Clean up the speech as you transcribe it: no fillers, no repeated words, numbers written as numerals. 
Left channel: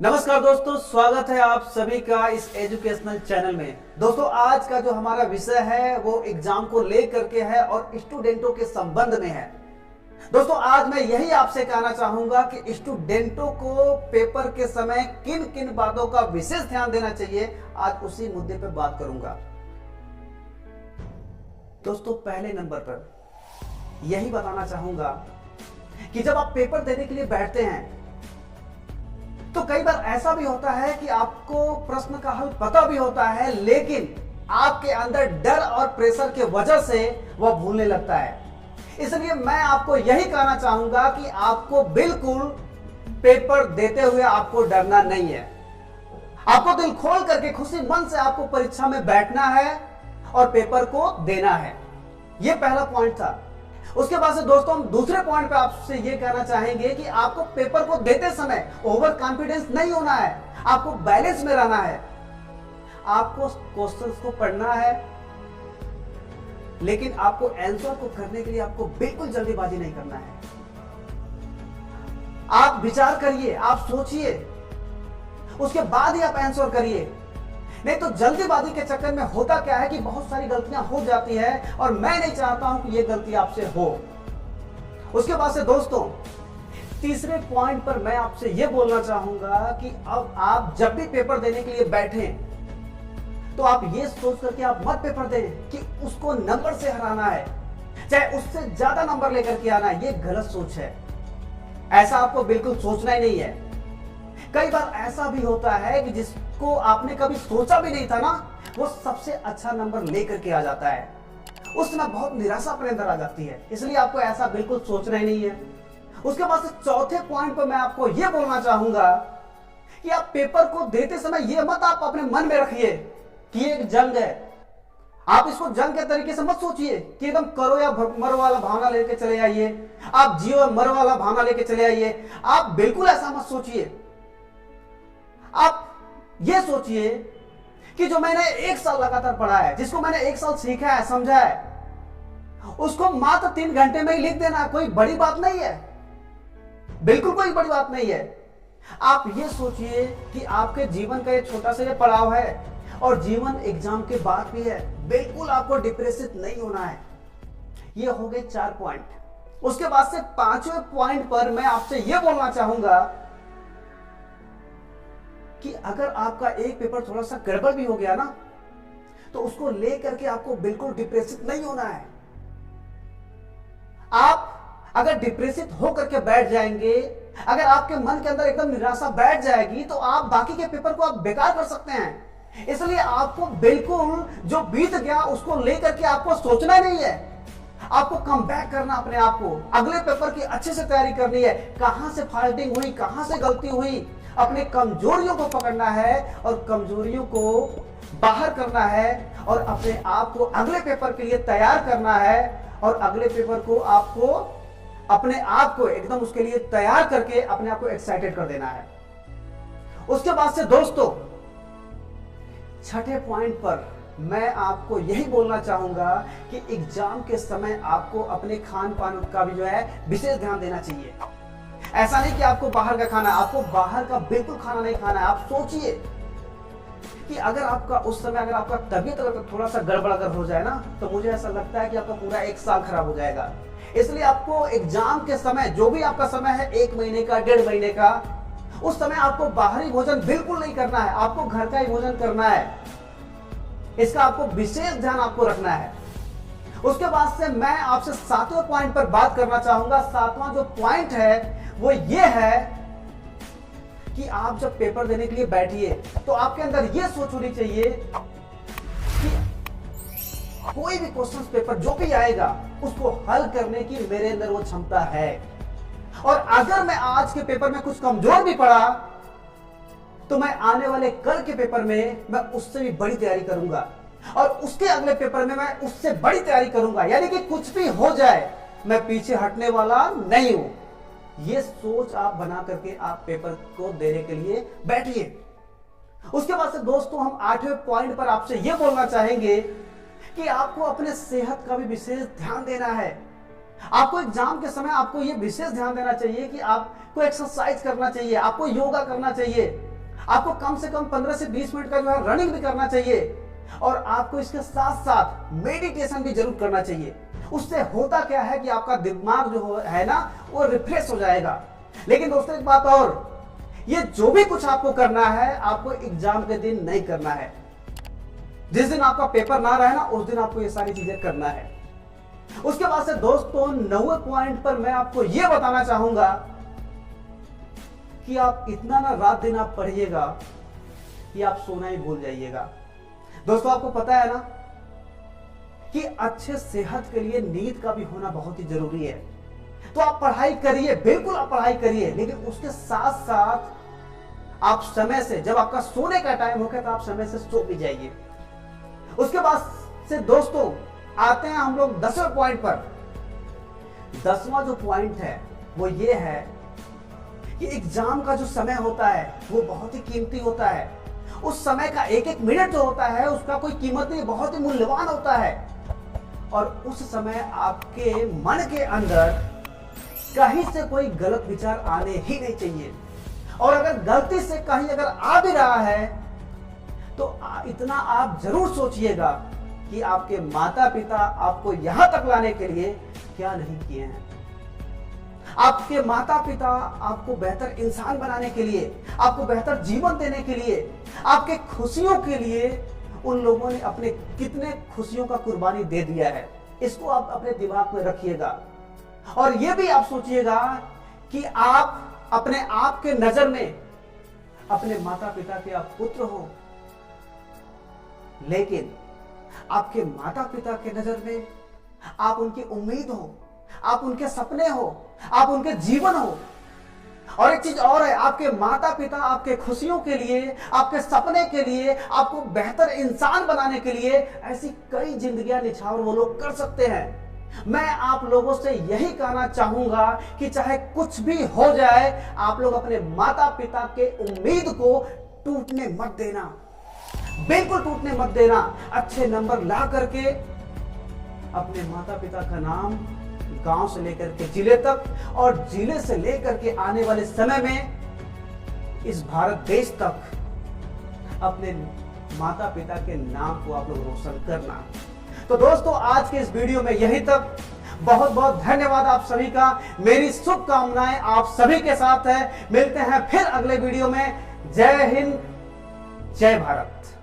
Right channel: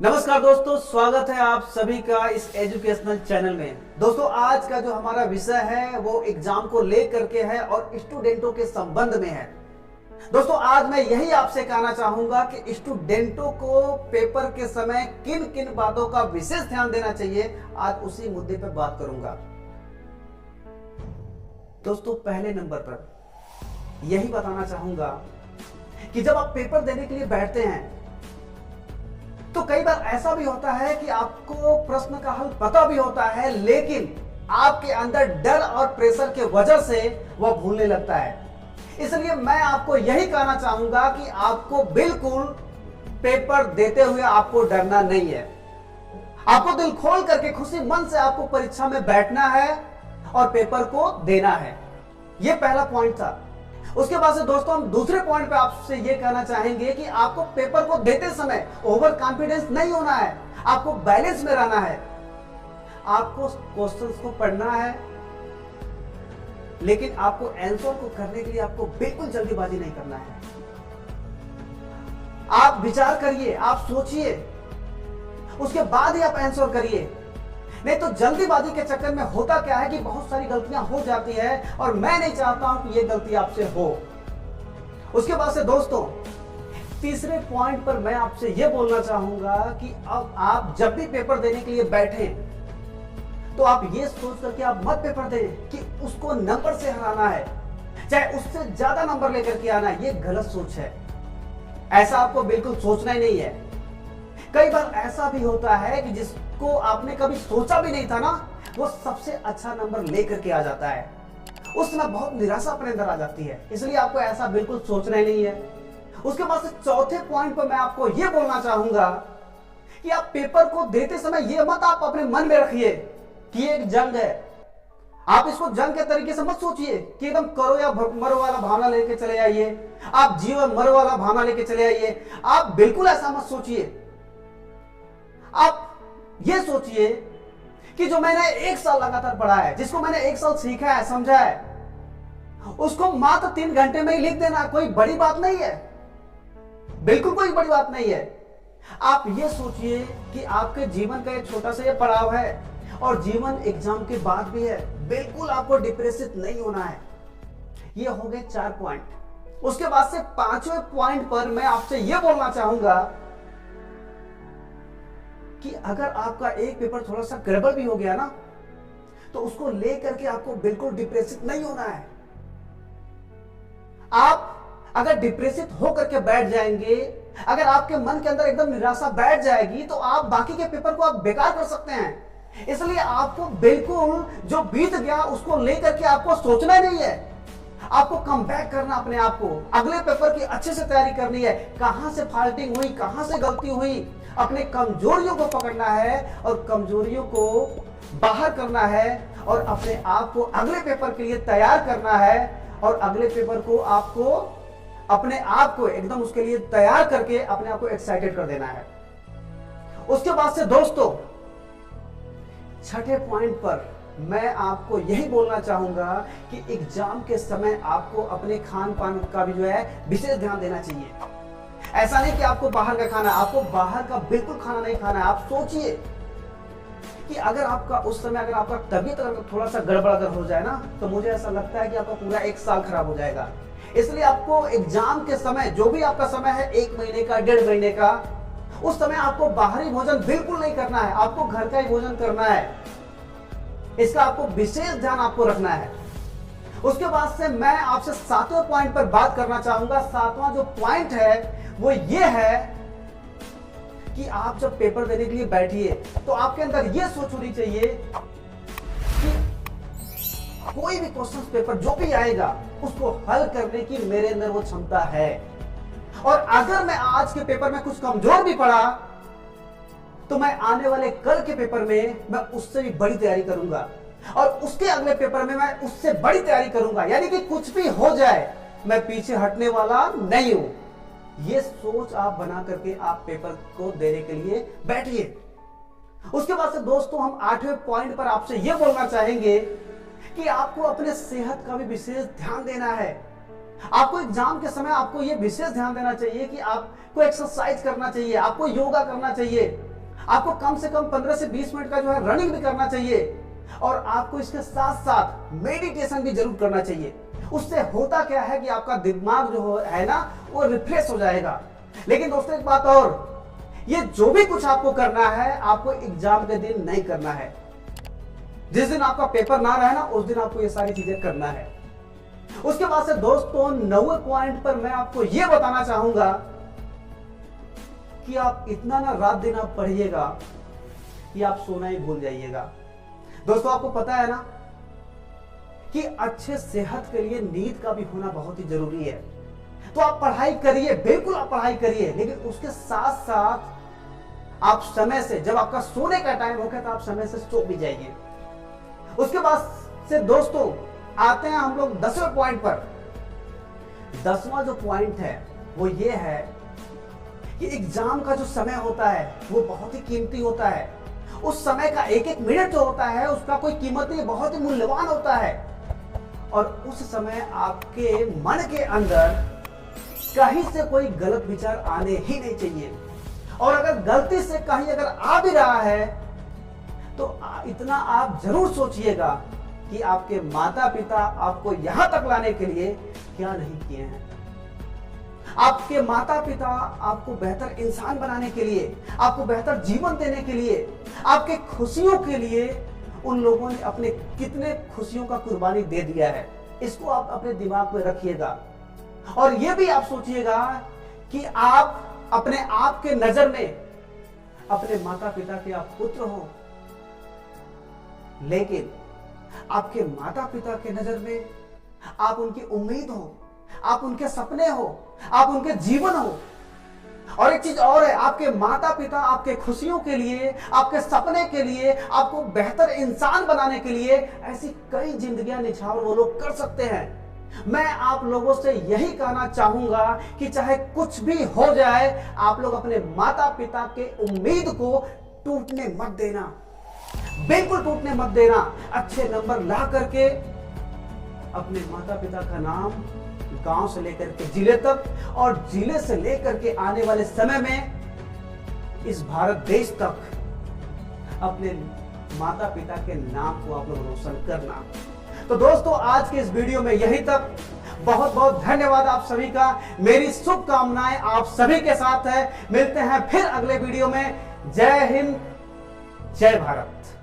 नमस्कार दोस्तों, स्वागत है आप सभी का इस एजुकेशनल चैनल में। दोस्तों, आज का जो हमारा विषय है वो एग्जाम को लेकर के है और स्टूडेंटों के संबंध में है। दोस्तों, आज मैं यही आपसे कहना चाहूंगा कि स्टूडेंटों को पेपर के समय किन किन बातों का विशेष ध्यान देना चाहिए, आज उसी मुद्दे पर बात करूंगा। दोस्तों, पहले नंबर पर यही बताना चाहूंगा कि जब आप पेपर देने के लिए बैठते हैं तो कई बार ऐसा भी होता है कि आपको प्रश्न का हल पता भी होता है, लेकिन आपके अंदर डर और प्रेशर के वजह से वह भूलने लगता है। इसलिए मैं आपको यही कहना चाहूंगा कि आपको बिल्कुल पेपर देते हुए आपको डरना नहीं है। आपको दिल खोल करके खुशी मन से आपको परीक्षा में बैठना है और पेपर को देना है। यह पहला पॉइंट था। उसके बाद से दोस्तों, हम दूसरे पॉइंट पे आपसे ये कहना चाहेंगे कि आपको पेपर को देते समय ओवर कॉन्फिडेंस नहीं होना है, आपको बैलेंस में रहना है। आपको क्वेश्चंस को पढ़ना है, लेकिन आपको आंसर को करने के लिए आपको बिल्कुल जल्दीबाजी नहीं करना है। आप विचार करिए, आप सोचिए, उसके बाद ही आप आंसर करिए। नहीं तो जल्दीबाजी के चक्कर में होता क्या है कि बहुत सारी गलतियां हो जाती है और मैं नहीं चाहता हूं कि यह गलती आपसे हो। उसके बाद से दोस्तों, तीसरे पॉइंट पर मैं आपसे यह बोलना चाहूंगा कि अब आप जब भी पेपर देने के लिए बैठें तो आप ये सोच करके आप मत पेपर दें कि उसको नंबर से हराना है, चाहे उससे ज्यादा नंबर लेकर के आना है। यह गलत सोच है, ऐसा आपको बिल्कुल सोचना ही नहीं है। कई बार ऐसा भी होता है कि जिसको आपने कभी सोचा भी नहीं था ना, वो सबसे अच्छा नंबर लेकर के आ जाता है। उस समय बहुत निराशा अपने अंदर आ जाती है। इसलिए आपको ऐसा बिल्कुल सोचना ही नहीं है। उसके बाद से चौथे पॉइंट पर मैं आपको यह बोलना चाहूंगा कि आप पेपर को देते समय यह मत आप अपने मन में रखिए कि एक जंग है। आप इसको जंग के तरीके से मत सोचिए कि एकदम करो या मरो वाला भावना लेके चले आइए, आप जियो या मरो वाला भावना लेके चले आइए। आप बिल्कुल ऐसा मत सोचिए। आप ये सोचिए कि जो मैंने एक साल लगातार पढ़ा है, जिसको मैंने एक साल सीखा है, समझा है, उसको मात्र 3 घंटे में ही लिख देना कोई बड़ी बात नहीं है, बिल्कुल कोई बड़ी बात नहीं है। आप ये सोचिए कि आपके जीवन का ये छोटा सा ये पड़ाव है और जीवन एग्जाम के बाद भी है। बिल्कुल आपको डिप्रेसिव नहीं होना है। ये हो गए 4 पॉइंट। उसके बाद से 5वें पॉइंट पर मैं आपसे ये बोलना चाहूंगा कि अगर आपका एक पेपर थोड़ा सा गड़बड़ भी हो गया ना, तो उसको लेकर के आपको बिल्कुल डिप्रेसिव नहीं होना है। आप अगर डिप्रेसिव होकर के बैठ जाएंगे, अगर आपके मन के अंदर एकदम निराशा बैठ जाएगी, तो आप बाकी के पेपर को आप बेकार कर सकते हैं। इसलिए आपको बिल्कुल जो बीत गया उसको लेकर के आपको सोचना नहीं है। आपको कम बैक करना अपने आप को, अगले पेपर की अच्छे से तैयारी करनी है। कहां से फाल्टिंग हुई, कहां से गलती हुई, अपने कमजोरियों को पकड़ना है और कमजोरियों को बाहर करना है और अपने आप को अगले पेपर के लिए तैयार करना है और अगले पेपर को आपको अपने आप को एकदम उसके लिए तैयार करके अपने आप को एक्साइटेड कर देना है। उसके बाद से दोस्तों, 6ठे पॉइंट पर मैं आपको यही बोलना चाहूंगा कि एग्जाम के समय आपको अपने खान पान का भी जो है विशेष ध्यान देना चाहिए। ऐसा नहीं कि आपको बाहर का खाना, आपको बाहर का बिल्कुल खाना नहीं खाना है। आप सोचिए कि अगर आपका उस समय अगर आपका तबीयत अगर थोड़ा सा गड़बड़ अगर हो जाए ना, तो मुझे ऐसा लगता है कि आपका पूरा 1 साल खराब हो जाएगा। इसलिए आपको एग्जाम के समय, जो भी आपका समय है, 1 महीने का, 1.5 महीने का, उस समय आपको बाहरी भोजन बिल्कुल नहीं करना है। आपको घर का ही भोजन करना है। इसका आपको विशेष ध्यान आपको रखना है। उसके बाद से मैं आपसे 7वें पॉइंट पर बात करना चाहूंगा। 7वां जो पॉइंट है वो ये है कि आप जब पेपर देने के लिए बैठिए तो आपके अंदर ये सोच होनी चाहिए कि कोई भी क्वेश्चन पेपर जो भी आएगा उसको हल करने की मेरे अंदर वो क्षमता है। और अगर मैं आज के पेपर में कुछ कमजोर भी पड़ा तो मैं आने वाले कल के पेपर में मैं उससे भी बड़ी तैयारी करूंगा और उसके अगले पेपर में मैं उससे बड़ी तैयारी करूंगा। यानी कि कुछ भी हो जाए मैं पीछे हटने वाला नहीं हूं। ये सोच आप बना करके आप पेपर को देने के लिए बैठिए। उसके बाद से दोस्तों, हम 8वें पॉइंट पर आपसे यह बोलना चाहेंगे कि आपको अपने सेहत का भी विशेष ध्यान देना है। आपको एग्जाम के समय आपको यह विशेष ध्यान देना चाहिए कि आपको एक्सरसाइज करना चाहिए, आपको योगा करना चाहिए। आपको कम से कम 15 से 20 मिनट का जो है रनिंग भी करना चाहिए, और आपको इसके साथ साथ मेडिटेशन भी जरूर करना चाहिए। उससे होता क्या है कि आपका दिमाग जो है ना वो रिफ्रेश हो जाएगा। लेकिन दोस्तों एक बात और, ये जो भी कुछ आपको करना है आपको एग्जाम के दिन नहीं करना है। जिस दिन आपका पेपर ना रहे ना उस दिन आपको ये सारी चीजें करना है। उसके बाद से दोस्तों 9वें पॉइंट पर मैं आपको यह बताना चाहूंगा कि आप इतना ना रात दिन आप पढ़िएगा कि आप सोना ही भूल जाइएगा। दोस्तों आपको पता है ना कि अच्छे सेहत के लिए नींद का भी होना बहुत ही जरूरी है। तो आप पढ़ाई करिए, बिल्कुल आप पढ़ाई करिए, लेकिन उसके साथ साथ आप समय से, जब आपका सोने का टाइम होगा तो आप समय से सो भी जाइए। उसके बाद से दोस्तों आते हैं हम लोग 10वें पॉइंट पर। 10वां जो पॉइंट है वो ये है कि एग्जाम का जो समय होता है वो बहुत ही कीमती होता है। उस समय का एक एक मिनट जो होता है उसका कोई कीमत नहीं, बहुत ही मूल्यवान होता है। और उस समय आपके मन के अंदर कहीं से कोई गलत विचार आने ही नहीं चाहिए। और अगर गलती से कहीं अगर आ भी रहा है तो इतना आप जरूर सोचिएगा कि आपके माता पिता आपको यहां तक लाने के लिए क्या नहीं किए हैं। आपके माता पिता आपको बेहतर इंसान बनाने के लिए, आपको बेहतर जीवन देने के लिए, आपके खुशियों के लिए उन लोगों ने अपने कितने खुशियों का कुर्बानी दे दिया है। इसको आप अपने दिमाग में रखिएगा। और यह भी आप सोचिएगा कि आप अपने आप के नजर में अपने माता पिता के आप पुत्र हो, लेकिन आपके माता पिता के नजर में आप उनकी उम्मीद हो, आप उनके सपने हो, आप उनके जीवन हो। और एक चीज और है, आपके माता पिता आपके खुशियों के लिए, आपके सपने के लिए, आपको बेहतर इंसान बनाने के लिए ऐसी कई जिंदगियां निछावर वो लोग कर सकते हैं। मैं आप लोगों से यही कहना चाहूंगा कि चाहे कुछ भी हो जाए, आप लोग अपने माता पिता के उम्मीद को टूटने मत देना, बिल्कुल टूटने मत देना। अच्छे नंबर ला करके अपने माता पिता का नाम गांव से लेकर के जिले तक, और जिले से लेकर के आने वाले समय में इस भारत देश तक अपने माता पिता के नाम को आप लोग रोशन करना। तो दोस्तों आज के इस वीडियो में यही तक। बहुत बहुत धन्यवाद आप सभी का। मेरी शुभकामनाएं आप सभी के साथ है। मिलते हैं फिर अगले वीडियो में। जय हिंद, जय भारत।